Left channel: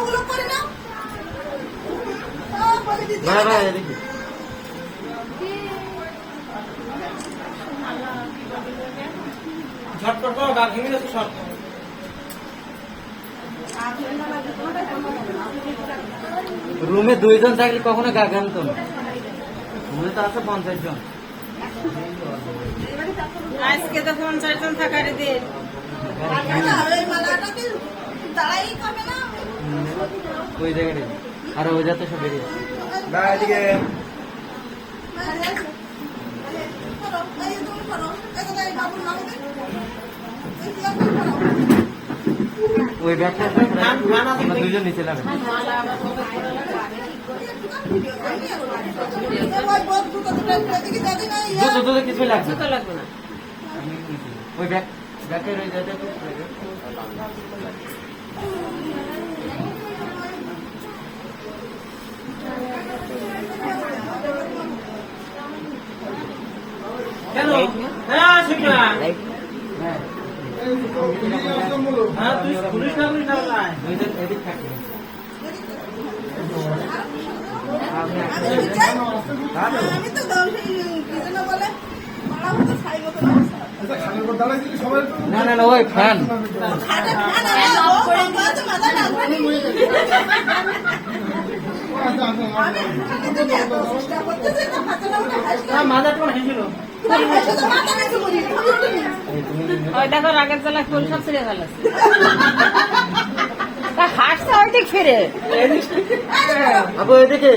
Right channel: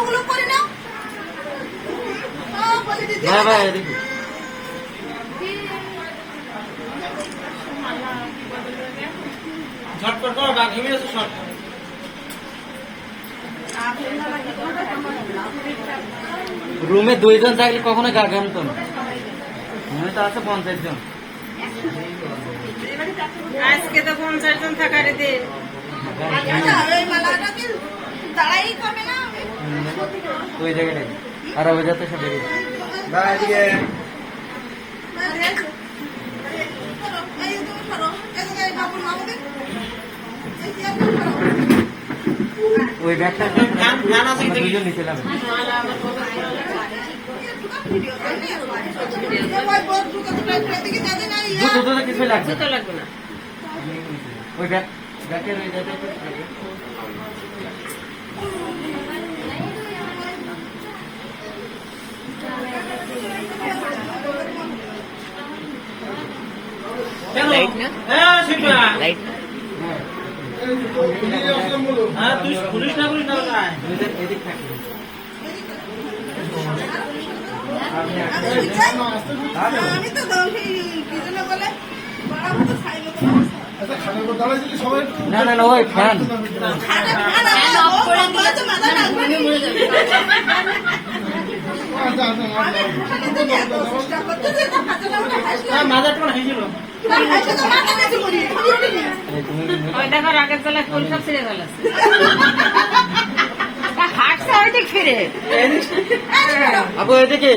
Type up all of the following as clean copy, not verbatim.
ওগুলো করে নাও। ঝটপট করো, ডাক ঘিমে গেছে সব। রুমে 2 জন থাকলে কখনো গা গেম করো। রুমে তো আছে 50 জন। আজকে তো 50 জন থাকার দে। ওই জায়গাটায় আর ওই যাতে সব বেরিয়ে ওই ব্যাগটা 2 জন নিচে যাবে। কিছু লাগবে ওই ব্যাগের ওই জায়গাটা লাইট না লাইট হ্যাঁ তুই পুলিশ না এদিক থাকবে। না না না ওই ফ্যান মাথাটা হয়েছিল ওই দেখো আগের বেলা কোন খাচ্ছে গেল খাচ্ছে ওইদিক ফিরে আপু এদিকে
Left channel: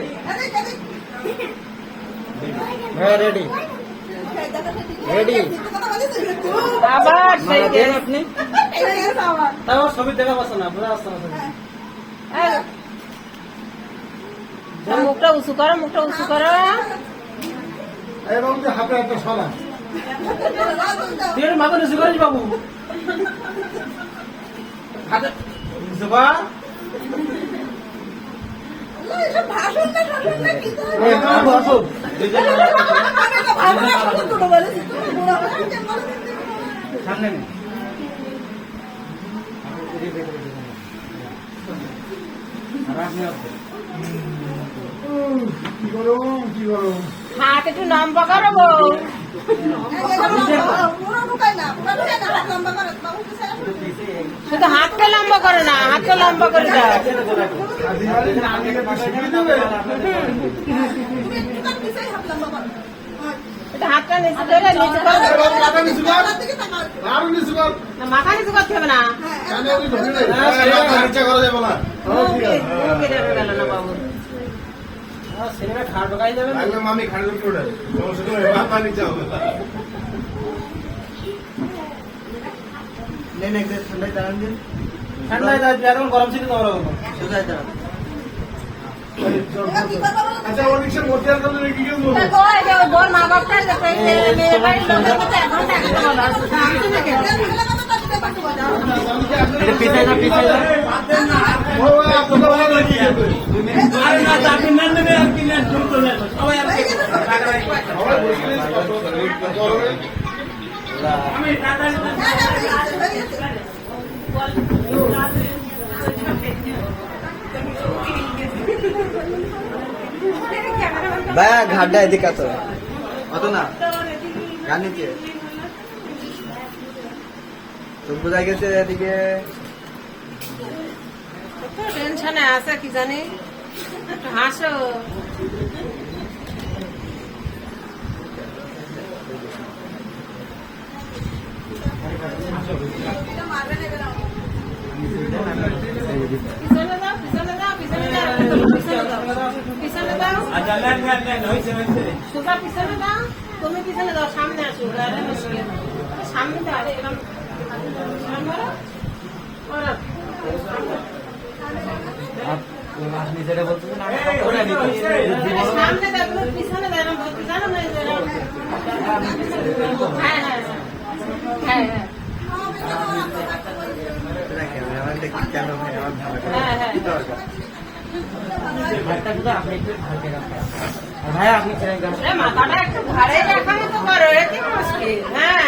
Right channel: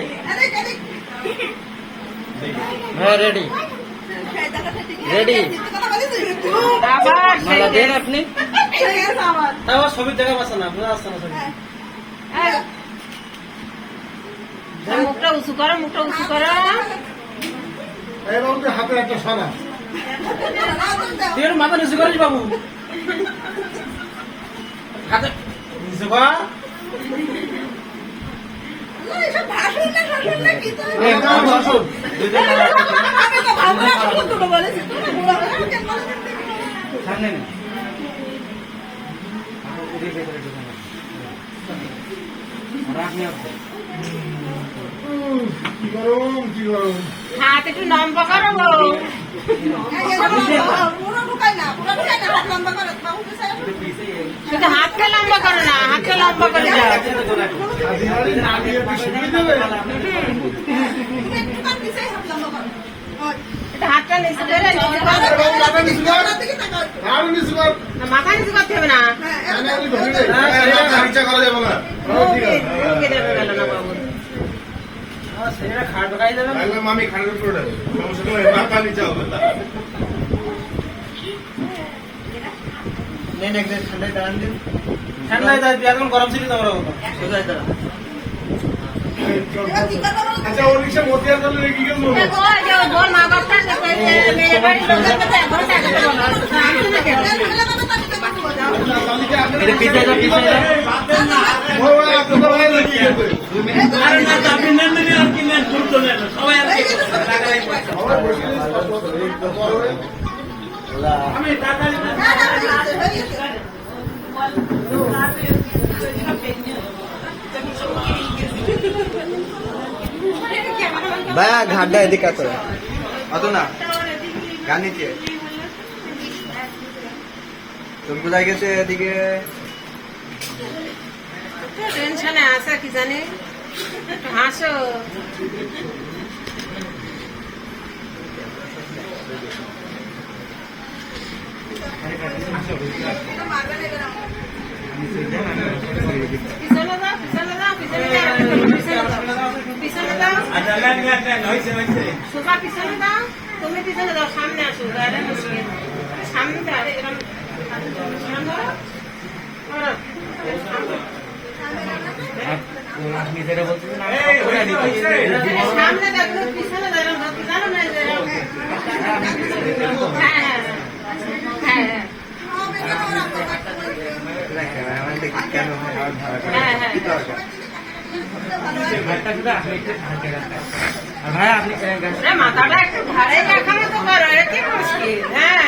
রেডি রেডি দেন আপনি তাও ছবি দেখা পাচ্ছেন না বোঝা যাচ্ছে না ছবি মুখটা উঁচু করো মুখটা উঁচু করো হাতে হাতে সরা মাথা নিচু করিস বাবু হাতে নিচু কর সামনে হাত একটু লম্বা করো বলো শুধু হাতটা লম্বা করো না হাতটা লম্বা করে যাও হাতটা নিচু করে মাথা নিচু করতে হবে না বাবু মামি খাড়ের উপর পানি চাও এখন গরম ছিল তোমরা আচ্ছা ওর বিষয়ে মধ্যে আসলে কি গেল বা ঘাবটা এদিকে আছে অত না গান নিচে ফুল বোঝা গেছে এদিকে টেনশনে আছে কি জানি একটু হাসো পিছনে দাও পিছনে দাও পিছনে দাও সুগা পিছনে দাও তুমি পিছনে দাও সামনে আসো গাড়ি মুশকিল সামনে দাও এরকম সামনে আপনি যেটা বলছেন আমি সামনে দাও তুমি পিছনে দাও এরকম জানো না হ্যাঁ হ্যাঁ ভাই আপনি মাথাটা একটু ঘাড়ে রাখা তো পারো এতে মুশকিল হ্যাঁ